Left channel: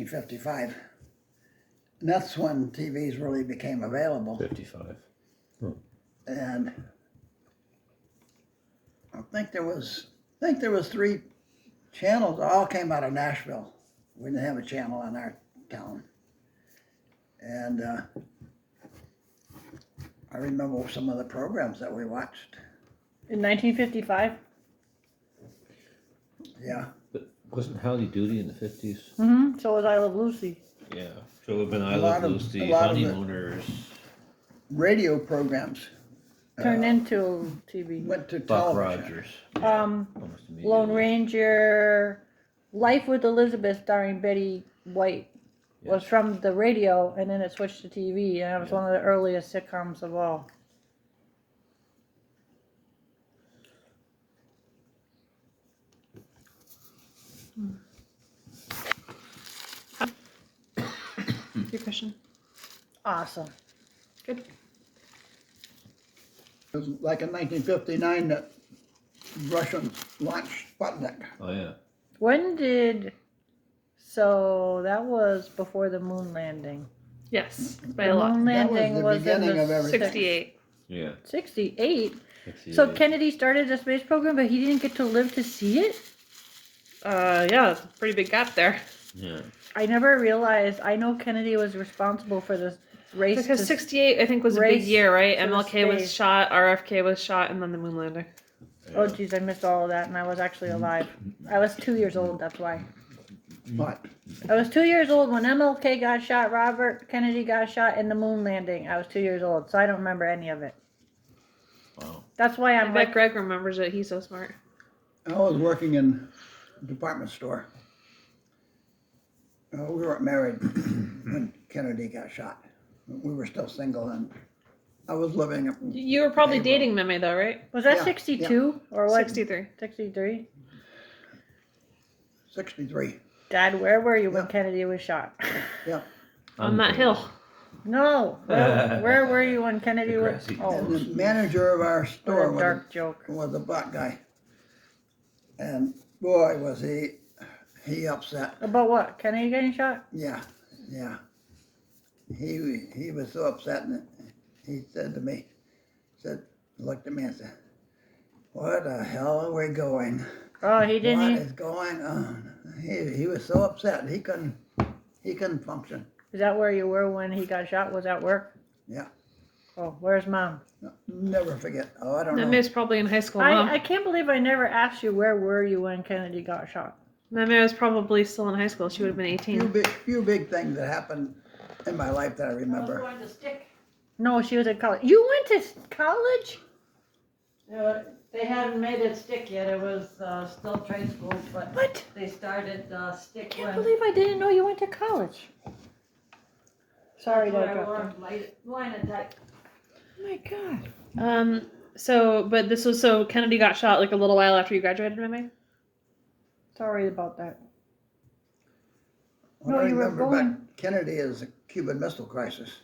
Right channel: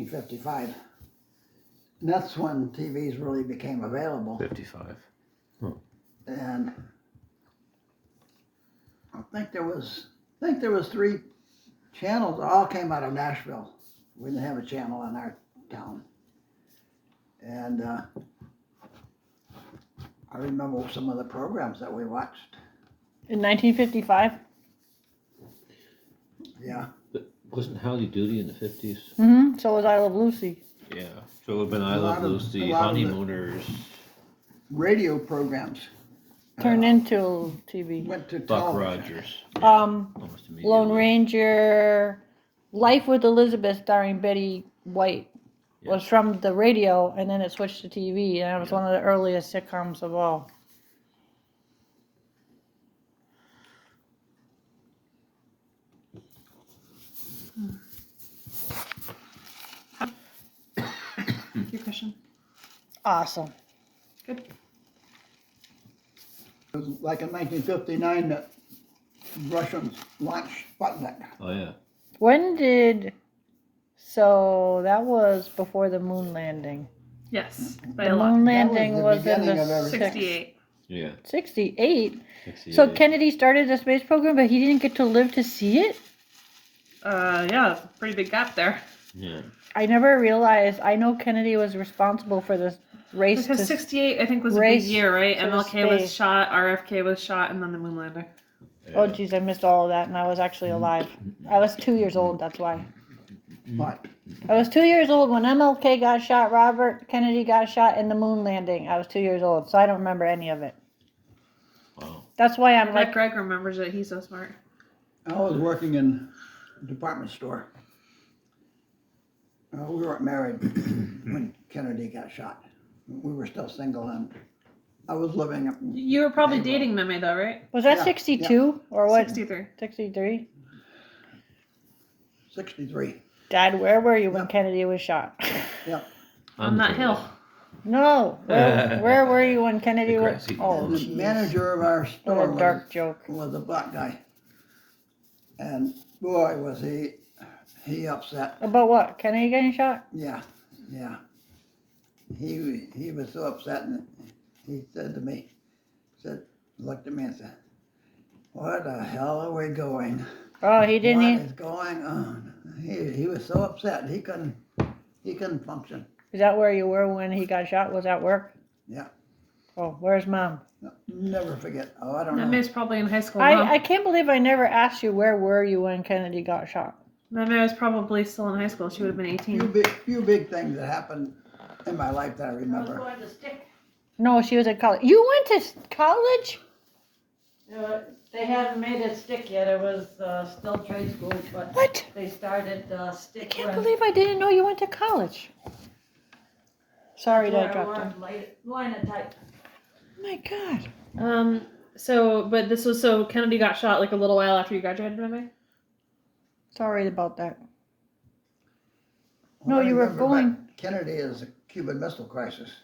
1955. And that's when TVs really became available. 55. And I think there was 3 channels. All came out of Nashville. We didn't have a channel in our town. And I remember some of the programs that we watched. In 1955? Yeah. But wasn't Howdy Doody in the 50s? Mm-hmm. So was I Love Lucy. Yeah. So it would have been I A Love lot of- Lucy, a lot of it. Honeymooners, Radio programs Turned into TV. went to Buck television. Rogers. Lone Almost immediately. Ranger, Life with Elizabeth starring Betty White was Yes. from the radio, and then it switched to TV, and it was Yeah. one of the earliest sitcoms of all. Your question. Awesome. Good. It was like in 1959 that Russians launched Sputnik. Oh, yeah. When did? So that was before the moon landing. Yes, by The a lot. moon That was landing the was, in beginning the of everything. 68. Yeah. 68. 68. So Kennedy started the space program, but he didn't get to live to see it. Yeah, pretty big gap there. Yeah. I never realized. I know Kennedy was responsible for this race. Because to 68, I think, was a big race year, right? to the MLK was space. shot, RFK was shot, and then the moon landing. Oh, geez, I missed all of that, and I was actually alive. I was 2 years old. That's why. But I was 2 years old when MLK got shot, Robert Kennedy got shot, and the moon landing. I was 2 years old, so I don't remember any of it. Wow. That's why I I'm bet like, Greg remembers it. He's so smart. I was working in a department store. We weren't married when Kennedy got shot. We were still single, and I was living up in You were probably April. dating Mimi, though, right? was that Yeah, 62 or what? 63. 63. 63. Dad, where were you when Yeah. Kennedy was shot? Yeah. On that hill. No, where were you when Kennedy The was? grassy Oh, And the jeez. manager of our What store a dark joke. was a black guy. And boy, was he upset. About what? Kennedy getting shot? Yeah, yeah. He was so upset, and he said to me, looked at me and said, "Where the hell are we going? Oh, he didn't. What Even, is going on?" He was so upset he couldn't function. is that where you were when he got shot? Was that work? Yeah. Oh, where's mom? Never forget. Oh, I don't know. Mimi's probably in high school now. I can't believe I never asked you where were you when Kennedy got shot. Mimi was probably still in high school. She would have been 18. Few big things that happened in my life that I remember. No, she was at college. You went to college? No, they hadn't made it stick yet. It was still trade school, but What? they started I stick can't when believe I didn't know you went to college. Sorry to interrupt you. Linotype. Oh my God. But this was so Kennedy got shot like a little while after you graduated, Mimi? Sorry about that. What No, I you were remember about going- Kennedy is the Cuban Missile Crisis.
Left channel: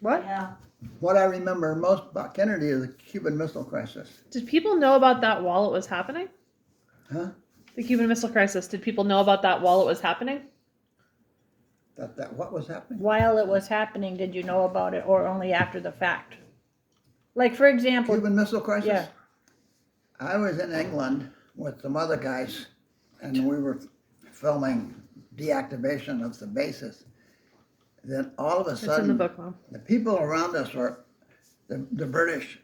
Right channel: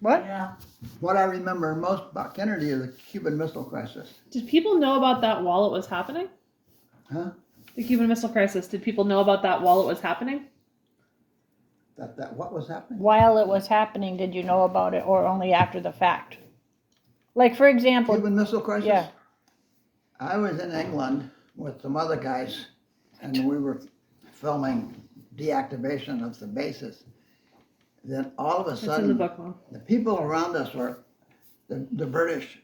What? Yeah. What I remember most about Kennedy is the Cuban Missile Crisis. Did people know about that while it was happening? Huh? The Cuban Missile Crisis. Did people know about that while it was happening? That what was happening? While it was happening, did you know about it or only after the fact? Like, for example, Cuban Missile Crisis? yeah. I was in England with some other guys, and we were filming deactivation of the bases. Then all of a It's in the sudden, book, Mom. the people around us were, the British,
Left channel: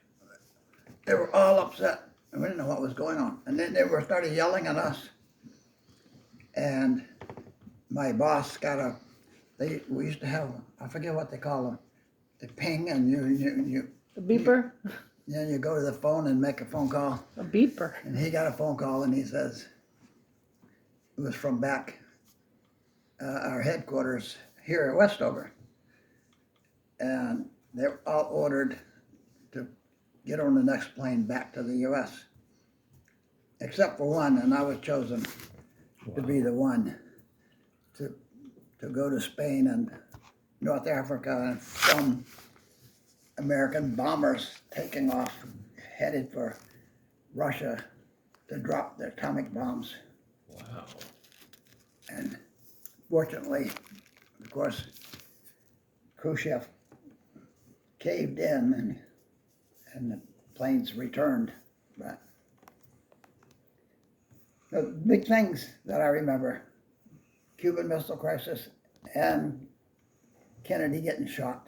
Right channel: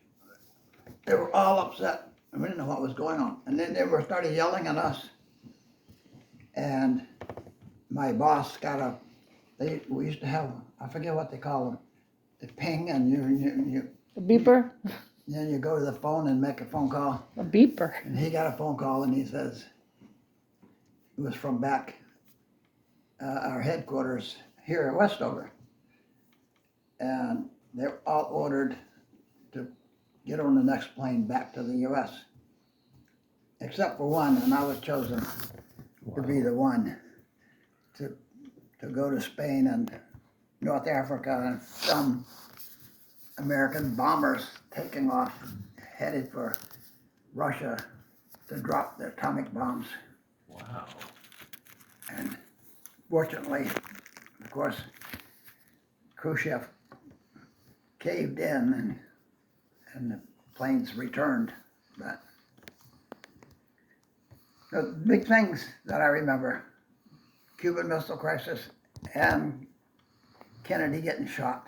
they were all upset, and we didn't know what was going on. And then they were started yelling at us. And my boss got we used to have, I forget what they call them, the ping, and you A beeper? then you go to the phone and make a phone call. A beeper. And he got a phone call, and he says, it was from back our headquarters here at Westover. And they're all ordered to get on the next plane back to the U.S. Except for one, and I was chosen to be the one to go to Spain and North Africa and film American bombers taking off, headed for Russia to drop their atomic bombs. Wow. And Fortunately, of course, Khrushchev caved in and the planes returned. But the big things that I remember, Cuban Missile Crisis and Kennedy getting shot.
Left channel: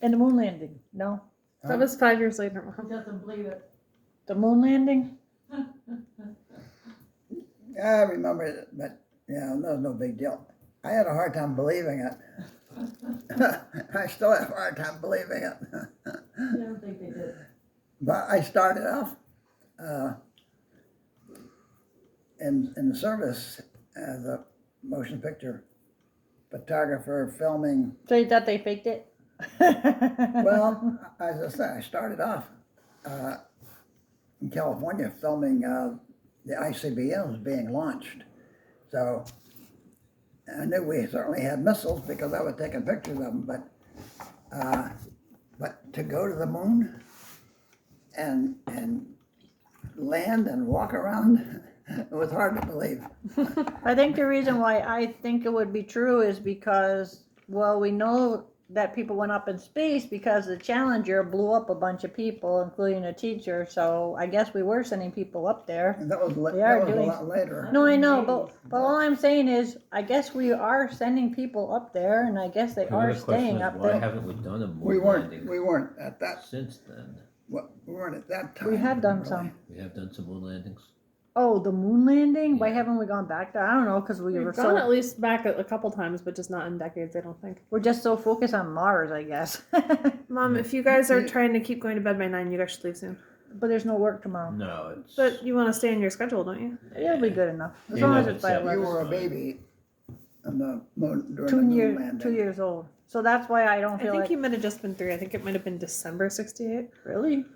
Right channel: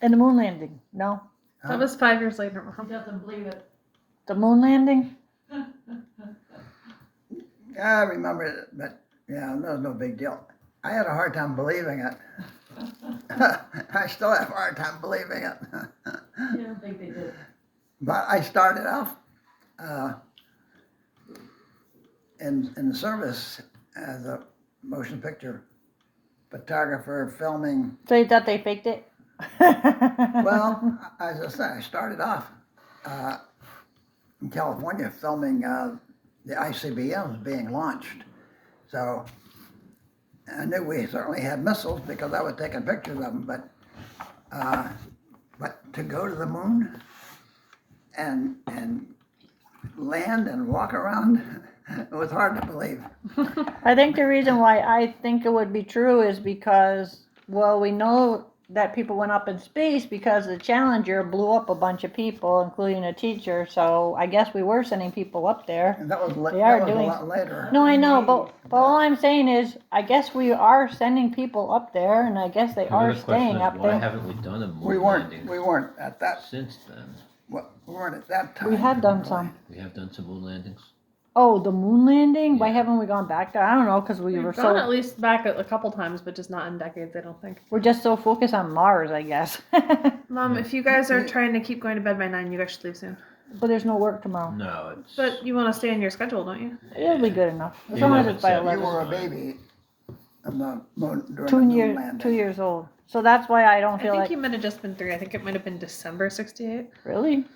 And the moon landing, no? That was 5 years later. He doesn't believe it. The moon landing? Yeah, I remember it, but yeah, that was no big deal. I had a hard time believing it. I still have a hard time believing it. You don't think they did? But I started off in the service as a motion picture photographer filming. So you thought they faked it? Well, as I said, I started off in California filming the ICBMs being launched. So I knew we certainly had missiles because I was taking pictures of them, but to go to the moon and land and walk around, it was hard to believe. I think the reason why I think it would be true is because, well, we know that people went up in space because the Challenger blew up a bunch of people, including a teacher. So I guess we were sending people up there. And that was, They are that was doing- a lot later. No, I know, but all I'm saying is, I guess we are sending people up there, and I guess they are Another question staying is, up why there. haven't we done a moon We landing weren't at that, since then? we weren't at that time. We have done some. We have done some moon landings. Oh, the moon landing? Why Yeah. haven't we gone back there? I don't know, because we We've were gone at so, least back a couple times, but just not in decades, I don't think. we're just so focused on Mars, I guess. Mom, if you guys are trying to keep going to bed by 9, you guys should leave soon. But there's no work tomorrow. No, it's. But you want to stay on your schedule, don't you? It'll be good enough, as Yeah, long as but it's by seven You 11. were a baby on the moon, during the 2 moon years, landing. 2 years old. So that's why I don't I feel think like, you might have just been 3. I think it might have been December 68. really?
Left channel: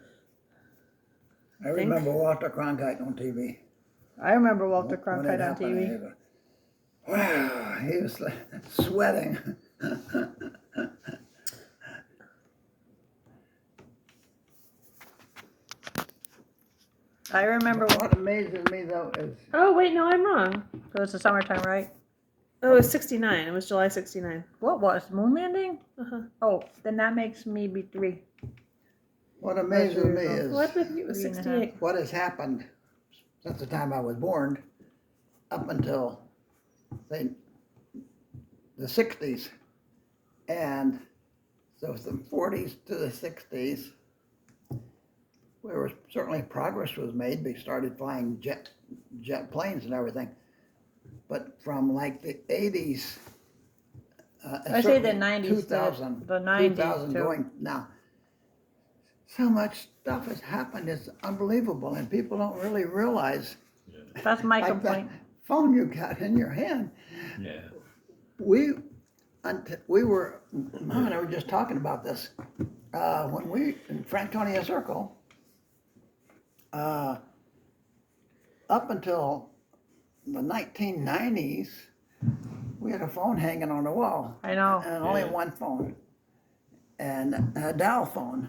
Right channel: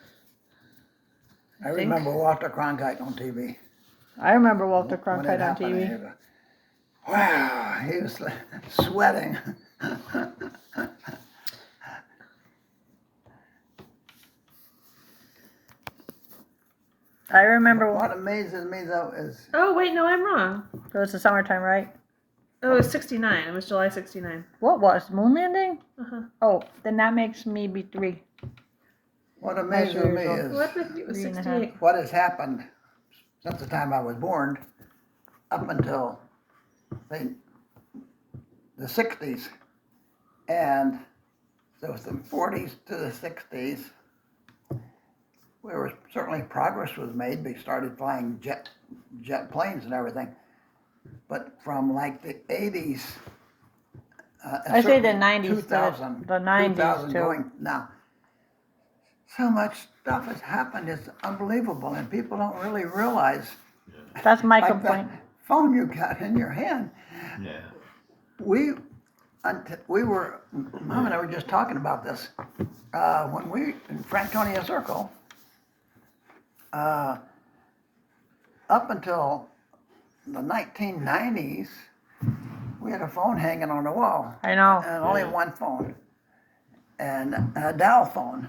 I remember Walter Cronkite on TV. I remember Walter When it Cronkite on happened, TV. I go, wow, he was sweating. I remember, What amazes me though is Oh, wait, no, I'm wrong. it was the summertime, right? It was 69. It was July 69. What was, moon landing? Uh-huh. Oh, then that makes me be 3. what amazes me years is What if it was 3 and a half. 68? what has happened since the time I was born up until say the 60s, and so from 40s to the 60s, where was certainly progress was made. We started flying jet planes and everything, but from like the 80s. I say the certainly 90s, 2000, the 90s 2000 too. going now. So much stuff has happened. It's unbelievable, and people don't really realize. That's my Like complaint. that phone you got in your hand. Yeah. We were, Mom and I were just talking about this, when we, in Franconia Circle, up until the 1990s, we had a phone hanging on the wall, I know. and only Yeah. one phone, and a dial phone,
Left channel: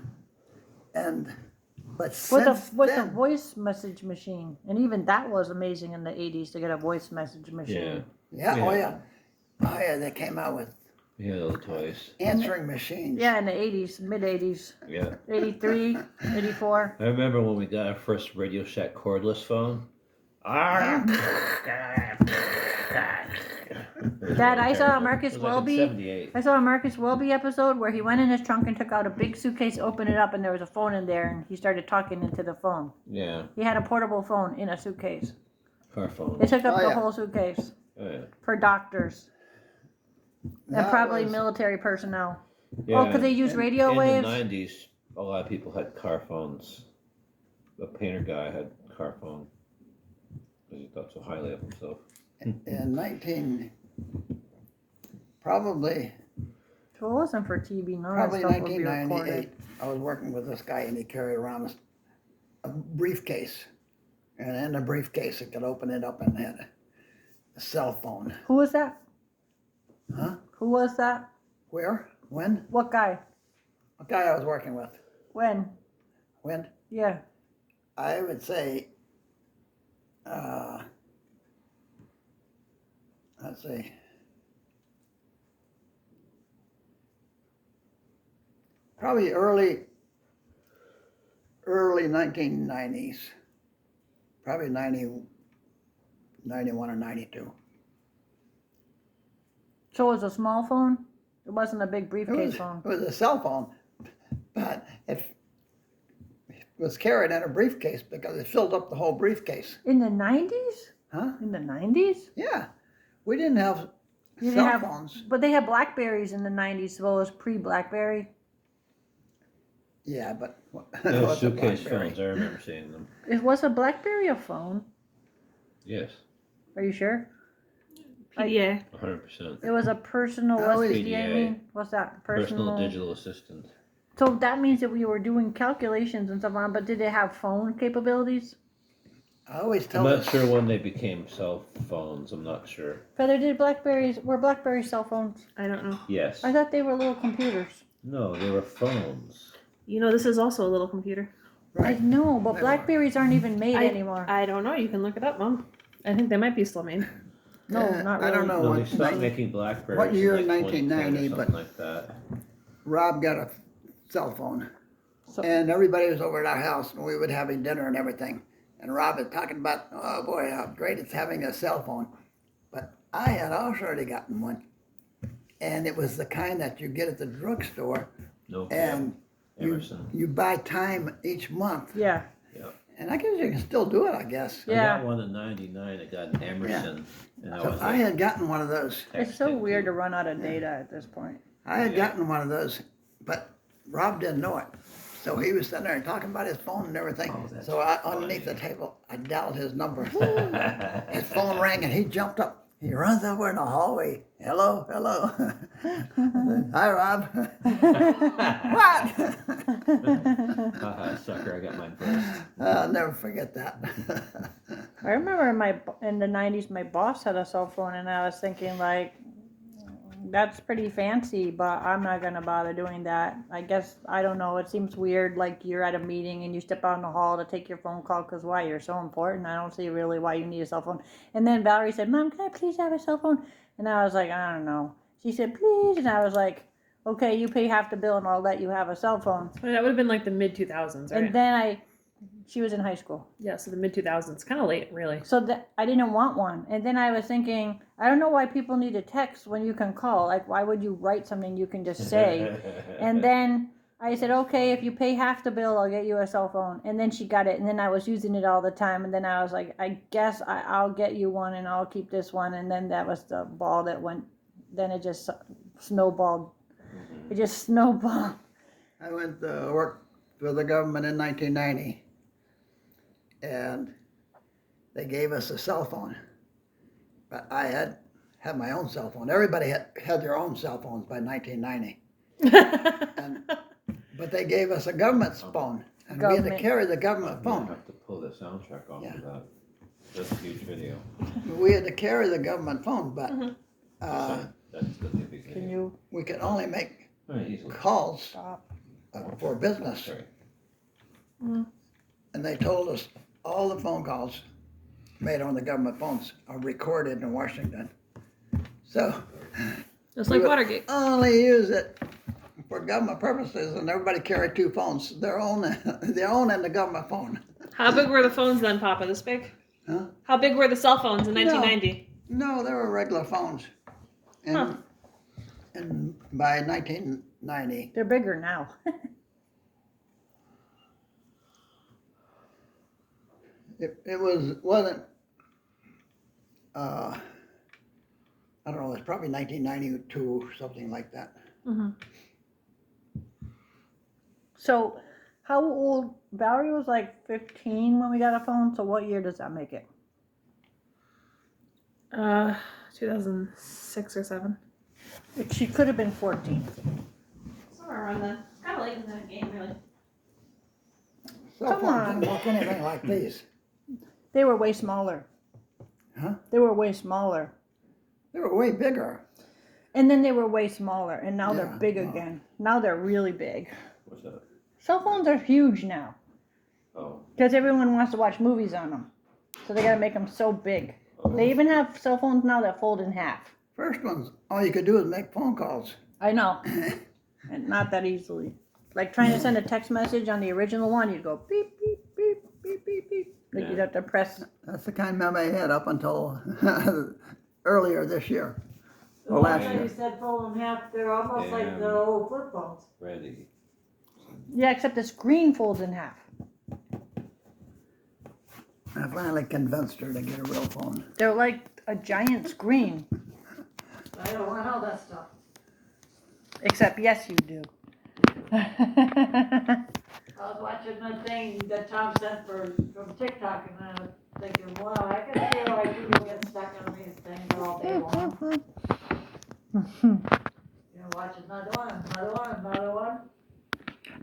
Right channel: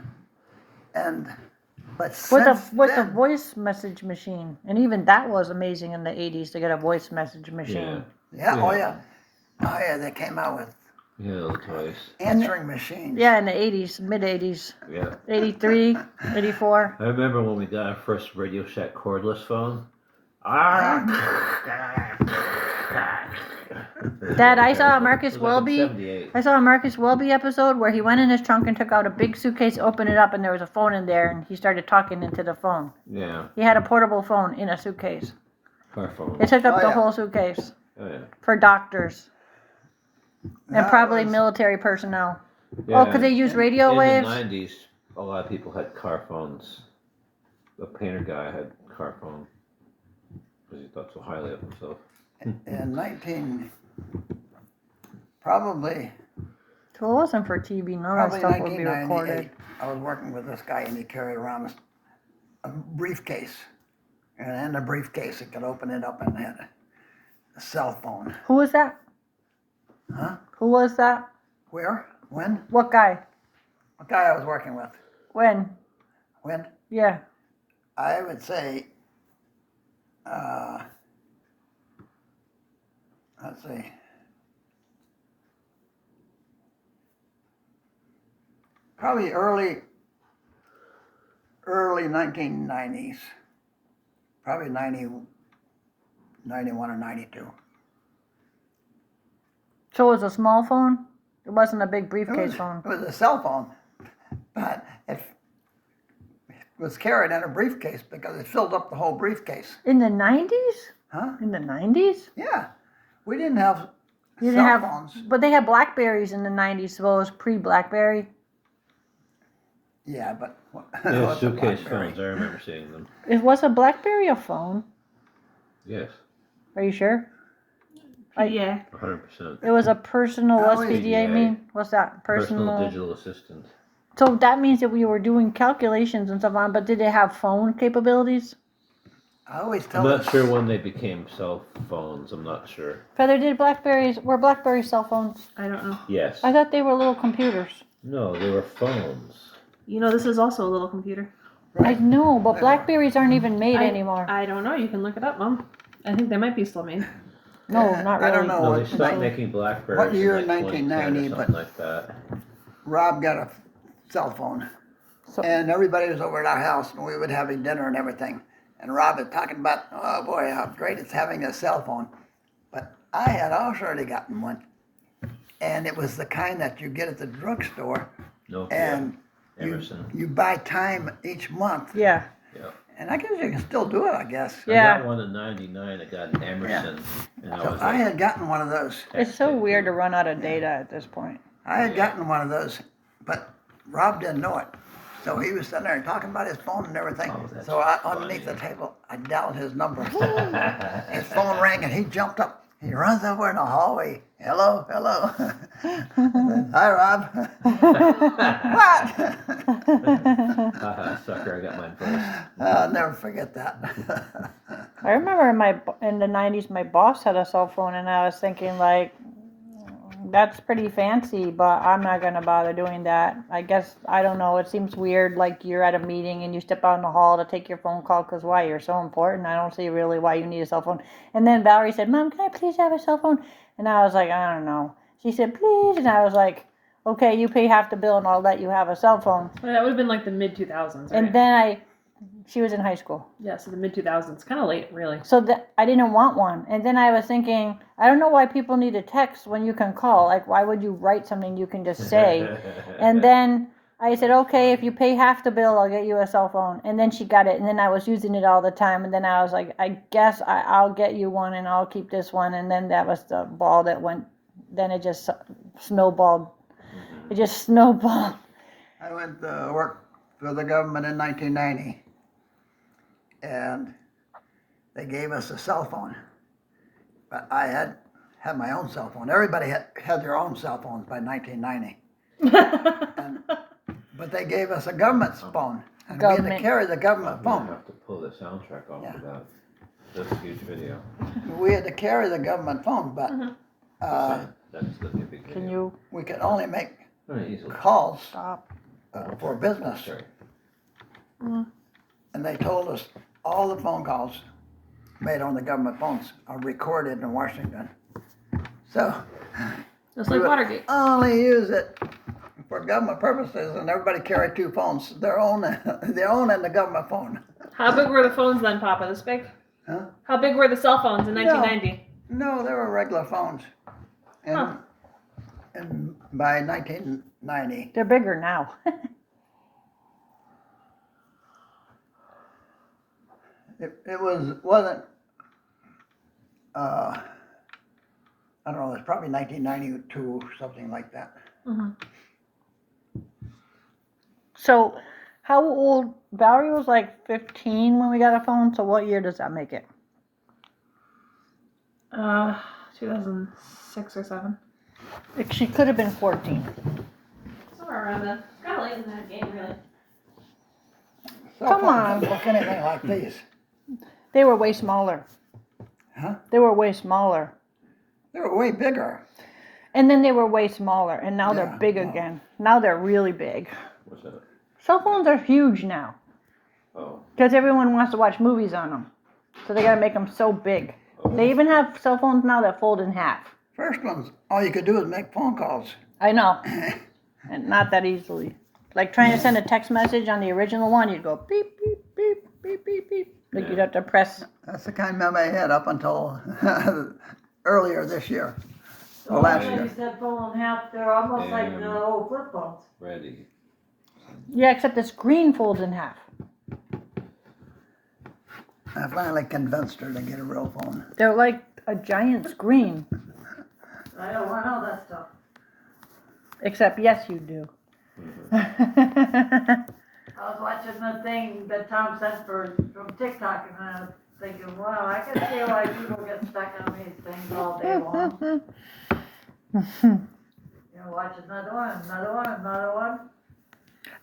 but since With a then, voice message machine, and even that was amazing in the 80s to get a voice message machine. Yeah. oh Yeah. yeah, they came out with Yeah, those toys. answering machines. Yeah, in the 80s, mid 80s, Yeah. 83, 84. I remember when we got our first Radio Shack cordless phone. Dad, I saw a Marcus It was like in Welby. 78. I saw a Marcus Welby episode where he went in his trunk and took out a big suitcase, opened it up, and there was a phone in there, and he started talking into the phone. Yeah, He had a portable phone in a suitcase. car phone. It took up Oh, the yeah. whole suitcase Oh, yeah. for doctors and That probably was- military personnel. Yeah, Oh, could they use radio in waves? the 90s, a lot of people had car phones. The painter guy had a car phone because he thought so highly of himself. in probably So it wasn't for TV. None of that stuff would be 1998, recorded. I was working with this guy and he carried around a briefcase. And in the briefcase, he could open it up and had a cell phone. Who was that? Huh? Who was that? Where? When? What guy? What guy I was working with? When? When? Yeah. I would say, let's see. Probably early 1990s. Probably 91 or 92. So it was a small phone? It wasn't a big It briefcase was, phone. it was a cell phone, but it was carried in a briefcase because it filled up the whole briefcase. In the 90s? Huh? In the 90s? Yeah. We didn't have You cell didn't have, phones. but they had Blackberries in the 90s, so it was pre-Blackberry. Yeah, but Yeah, what's a suitcase BlackBerry? phones. I remember seeing them. It was a Blackberry a phone? Yes, Are you sure? PDA. 100%. It was a personal, what's Oh, PDA PDA. mean? What's that? Personal digital assistant. So that means that we were doing calculations and stuff on, but did they have phone capabilities? I always I'm tell not them, sure when they became cell phones. I'm not sure. Feather, were Blackberry cell phones? I don't know. Yes. I thought they were little computers. No, they were phones. You know, this is also a little computer. right? I know, but They were. Blackberries aren't even made anymore. I don't know. You can look it up, Mom. I think they might be still made. No, not I don't really. know. No, what- they stopped like, making Blackberries what year in in like 2010 1990, or but- something like that. Rob got a cell phone, So- and everybody was over at our house, and we would having dinner and everything. And Rob was talking about, oh boy, how great it's having a cell phone. But I had also already gotten one, and it was the kind that you get at the drugstore, Nokia, and Emerson. you buy time each month. Yeah. And I guess you can still do it, I guess. Yeah. I got one in '99. I got an Emerson, and I So was I like, had gotten one of those. It's so texting weird to to- run out of data at this point. I had gotten one of those, but Rob didn't know it. So he was sitting there talking about his phone and everything. Oh, that's So underneath the funny. table, I dialed his number. His phone rang and he jumped up. He runs over in the hallway. Hello, hello. Hi, Rob. What? Haha, sucker! I got mine first. I'll never forget that. I remember in the 90s, my boss had a cell phone, and I was thinking, like, that's pretty fancy, but I'm not going to bother doing that. I guess, I don't know, it seems weird, like you're at a meeting and you step out in the hall to take your phone call, because why? You're so important. I don't see really why you need a cell phone. And then Valerie said, Mom, can I please have a cell phone? And I was like, I don't know. She said, please. And I was like, okay, you pay half the bill and I'll let you have a cell phone. Well, that would have been like the mid 2000s, right? And then she was in high school. Yeah, so the mid 2000s. Kind of late, really. So that I didn't want one. And then I was thinking, I don't know why people need a text when you can call. Like, why would you write something you can just say? And then I said, okay, if you pay half the bill, I'll get you a cell phone. And then she got it. And then I was using it all the time. And then I was like, I guess I'll get you one and I'll keep this one. And then that was the ball that went, then it just snowballed. It just snowballed. I went to work for the government in 1990, and they gave us a cell phone. But I had my own cell phone. Everybody had their own cell phones by 1990. But they gave us a government phone, and we had to Government. carry the government I'm phone. gonna have to pull the soundtrack off Yeah. of that. That's a huge video. We had to carry the government phone, but That's gonna be a big video. Can you we could only make Very easily. calls stop? for business. Sorry. And they told us all the phone calls made on the government phones are recorded in Washington. So Just we like would Watergate. only use it for government purposes, and everybody carried two phones, their own and the government phone. How big were the phones then, Papa? This big? Huh? How big were the cell phones in 1990? No, they were regular phones. And, Huh. and by 1990, They're bigger now. it wasn't, I don't know, it's probably 1992 or something like that. So, how old? Valerie was like 15 when we got a phone. So, what year does that make it? 2006 or 7. She could have been 14. Somewhere around then. Kind of late in that game, really. Cell Come phones on. don't look anything like these. They were way smaller. Huh? They were way smaller. They were way bigger. And then they were way smaller. And now they're Yeah, big no. again. Now they're really big. What's that? Cell phones are huge now Oh, because everyone wants to watch movies on them. So they got to make them so big. oh. They even have cell phones now that fold in half. First ones, all you could do is make phone calls. I know. And not that easily. Like trying to send a text message on the original one, you'd go beep, beep, beep, beep, beep, beep. Like you'd have to press. That's the kind of memory I had up until earlier this year. So last when year. you said fold in half, they're almost like And- the old flip phones. Ready. Yeah, except the screen folds in half. I finally convinced her to get a real phone. They're like a giant screen. I don't want all that stuff. Except, yes, you do. I was watching the thing that Tom sent from TikTok, and I was thinking, wow, I can see why people get stuck on these things all day long. You know, watch another one.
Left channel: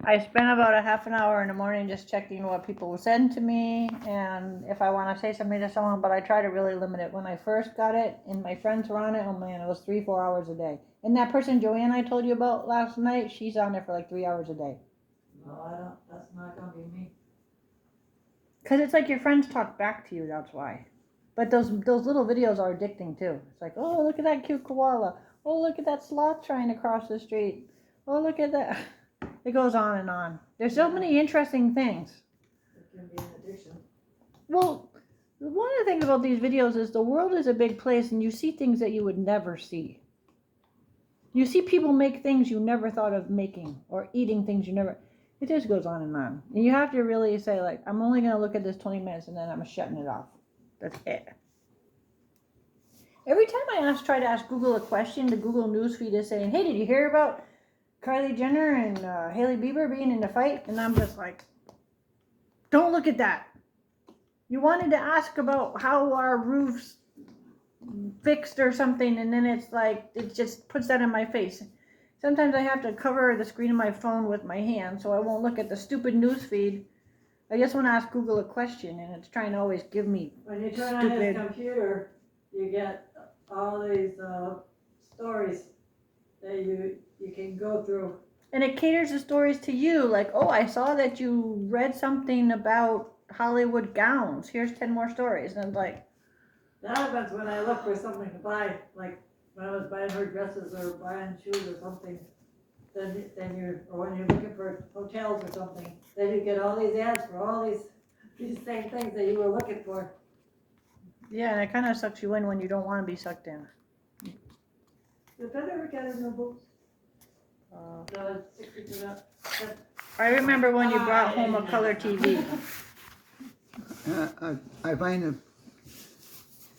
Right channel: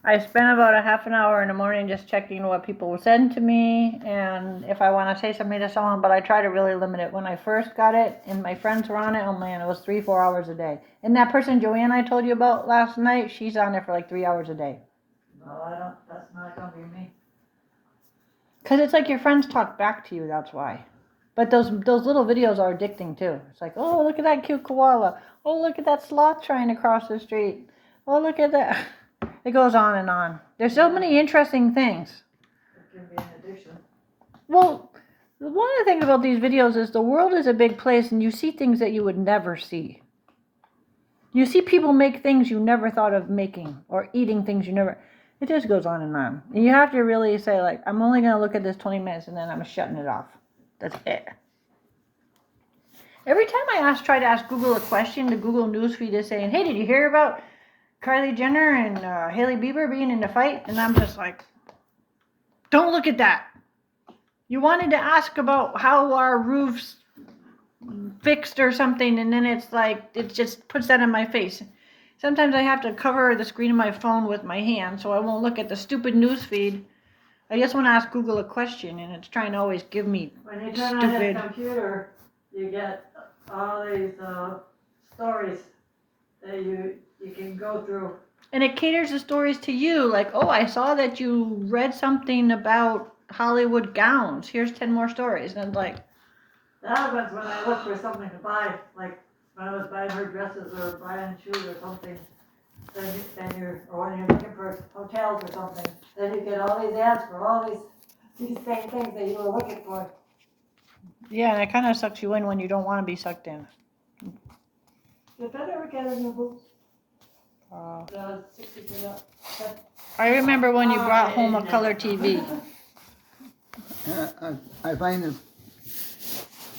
I spend about a half an hour in the morning just checking what people will send to me and if I want to say something to someone, but I try to really limit it. When I first got it and my friends were on it, oh man, it was 3-4 hours a day. And that person Joanne I told you about last night, she's on it for like 3 hours a day. No, I don't, that's not gonna be me. Cause it's like your friends talk back to you, that's why. But those little videos are addicting too. It's like, oh, look at that cute koala. Oh, look at that sloth trying to cross the street. Oh, look at that. It goes on and on. There's so many interesting things. It can be an addiction. Well, one of the things about these videos is the world is a big place and you see things that you would never see. You see people make things you never thought of making or eating things you never. It just goes on and on. And you have to really say, like, I'm only going to look at this 20 minutes and then I'm shutting it off. That's it. Every time I try to ask Google a question, the Google newsfeed is saying, hey, did you hear about Kylie Jenner and Hailey Bieber being in a fight? And I'm just like, don't look at that. You wanted to ask about how our roof's fixed or something, and then it's like, it just puts that in my face. Sometimes I have to cover the screen of my phone with my hand so I won't look at the stupid news feed. I just want to ask Google a question, and it's trying to always give me When you turn on his stupid. computer, you get all these stories that you can go through. And it caters the stories to you, like, oh, I saw that you read something about Hollywood gowns. Here's 10 more stories. And I'm like, That happens when I look for something to buy, like when I was buying her dresses or buying shoes or something. Or when you're looking for hotels or something, then you get all these ads for all these same things that you were looking for. yeah, and it kind of sucks you in when you don't want to be sucked in. Did that ever get a new boots? Uh, The 60%. I remember when you brought home a color TV. I find that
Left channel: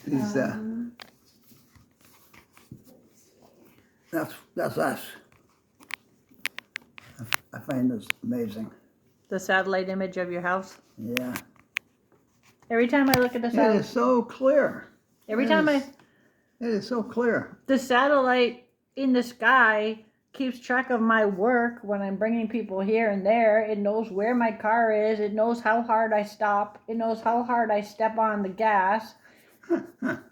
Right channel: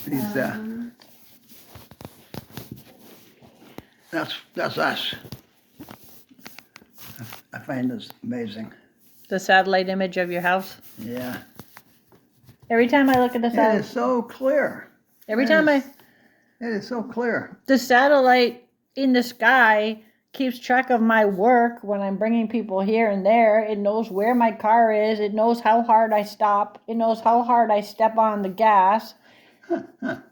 these, that's us. I find this amazing. The satellite image of your house. Yeah. Every time I look at the It is satellite, so clear. every It time is- It is so clear. the satellite in the sky keeps track of my work when I'm bringing people here and there. It knows where my car is. It knows how hard I stop. It knows how hard I step on the gas.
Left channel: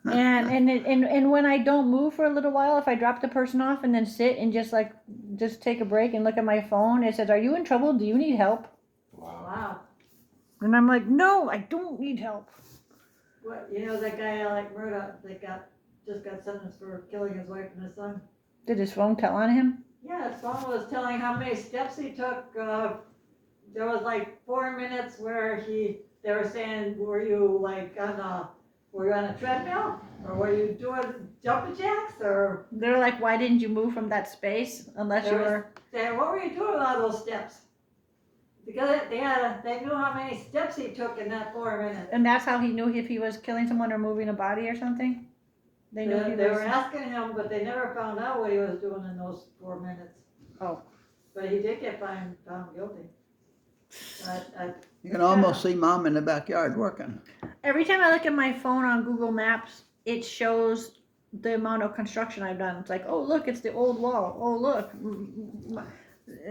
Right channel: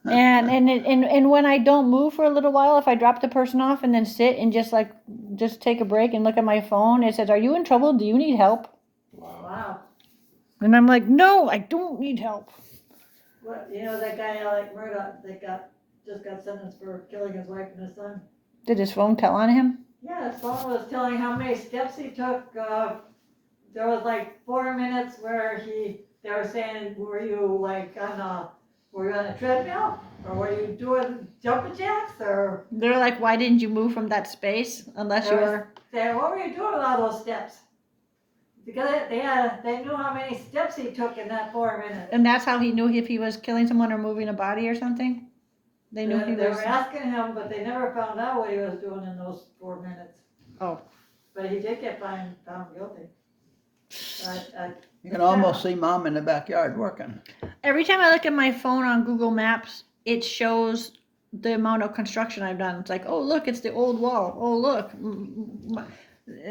And when I don't move for a little while, if I drop the person off and then sit and just take a break and look at my phone, it says, "Are you in trouble? Do you need help?" Wow. And I'm like, "No, I don't need help." What, you know that guy Alec Murdoch that just got sentenced for killing his wife and his son? Did his phone tell on him? Yeah, his phone was telling how many steps he took. There was like 4 minutes where they were saying, were you on a treadmill? Or were you doing jumping jacks? Or They're like, "Why didn't you move from that space unless you were?" saying, what were you doing with all those steps? Because they knew how many steps he took in that 4 minutes. And that's how he knew if he was killing someone or moving a body or something? They knew he They was. were asking him, but they never found out what he was doing in those 4 minutes. Oh. But he did get found guilty. You can almost see Mom in the backyard working. Every time I look at my phone on Google Maps, it shows the amount of construction I've done. It's like, oh, look, it's the old wall. Oh, look,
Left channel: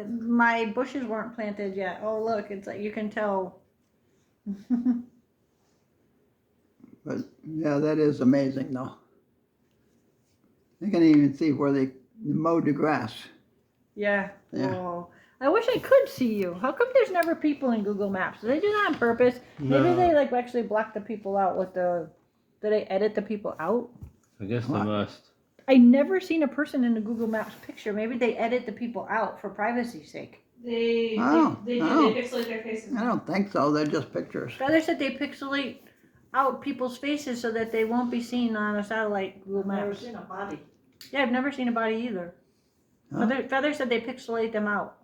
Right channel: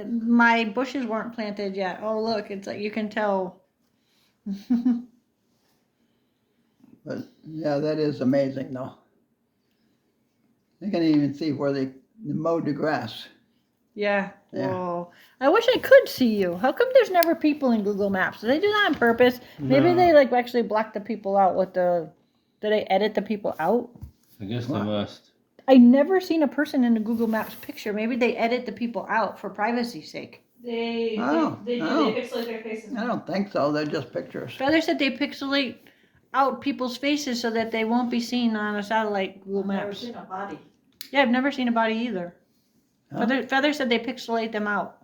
my bushes weren't planted yet. Oh, look, it's like you can tell. But yeah, that is amazing though. You can even see where they mowed the grass. Yeah. Yeah. Oh, I wish I could see you. How come there's never people in Google Maps? Do they do that on purpose? Maybe No. they like actually block the people out with the Do they edit the people out? I guess they What? must. I never seen a person in the Google Maps picture. Maybe they edit the people out for privacy's sake. They Oh, they do oh. they pixelate their faces. I don't think so, they're just pictures. Feather said they pixelate out people's faces so that they won't be seen on a satellite Google I've never Maps. seen a body. Yeah, I've never seen a body either. Huh? Feather said they pixelate them out.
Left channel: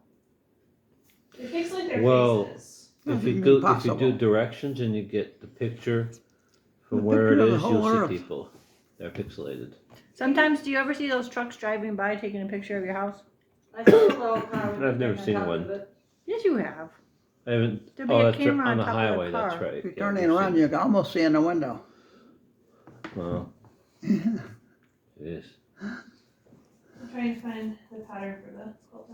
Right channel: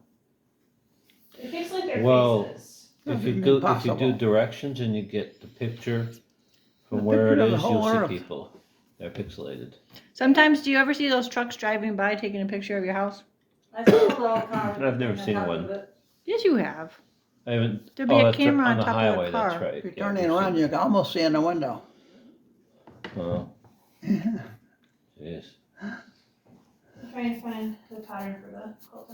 They pixelate their Well, faces. If you Impossible. do directions and you get the picture from The where it picture of the is, whole you'll earth. see people. They're pixelated. Sometimes, do you ever see those trucks driving by taking a picture of your house? I saw a little car. I've never on seen top one. of it. Yes, you have. I haven't. There'd be Oh, a that's camera on on the top of the highway. That's car. right. If you're Yeah, turning we've around, seen you can almost see in the window. it. Oh, jeez. I'm trying to find the pattern for the quilt.